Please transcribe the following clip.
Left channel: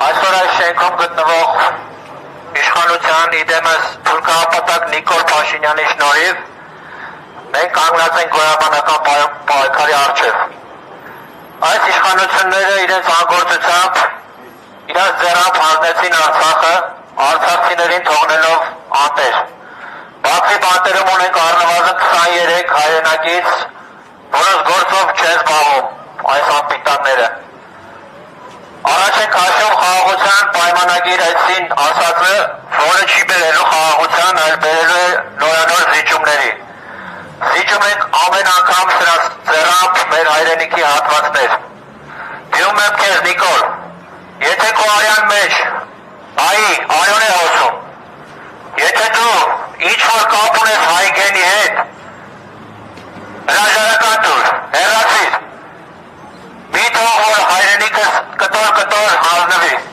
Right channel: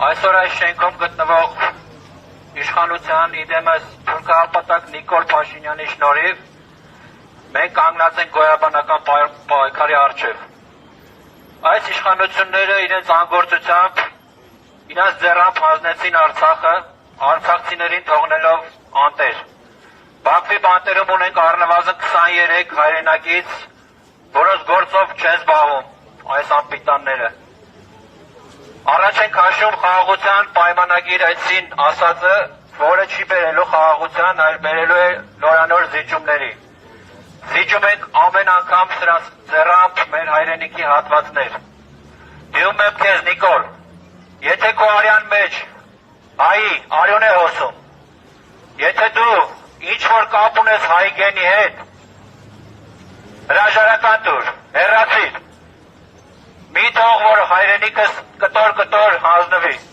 Այսօր այս շենքում գտնվող իշխանության իդեմս թուրքահապատակ Նիկոլ Փաշինյանի շնորհիվ մենք կանգնած ենք գոյաբանական պայքարի առջև։ Այս իշխանությունները իրենց անգործությամբ, իրենց ձեռամբ հանձնեցին Արցախը, արցախցիներին թողնելով անտեր։ Բաքվի բանտերում ունենք առնվազն 23 հայրենակից, որոնց գործով չեն զբաղվում այս անպիտանները։ Առաջին քաշում խաղաղության պայմանագիր այցին ասածը, որը չի բերելու խաղաղության, այլ բերելու է նորանոր զիջումների։ Զիջում ենք ամեն անգամ սրանց ձեռամբ մեր հայրենիքի հատվածներ։ Դիում եմ քեզ Նիկոլ, եթե քո արյան մեջ արյուն է հոսում, եթե դու ինչ-որ կապ ունես հայ գենի հետ, հրաժարական տուր, հեռացիր, մի թող որ հայրենիքս կտոր հանձնվի։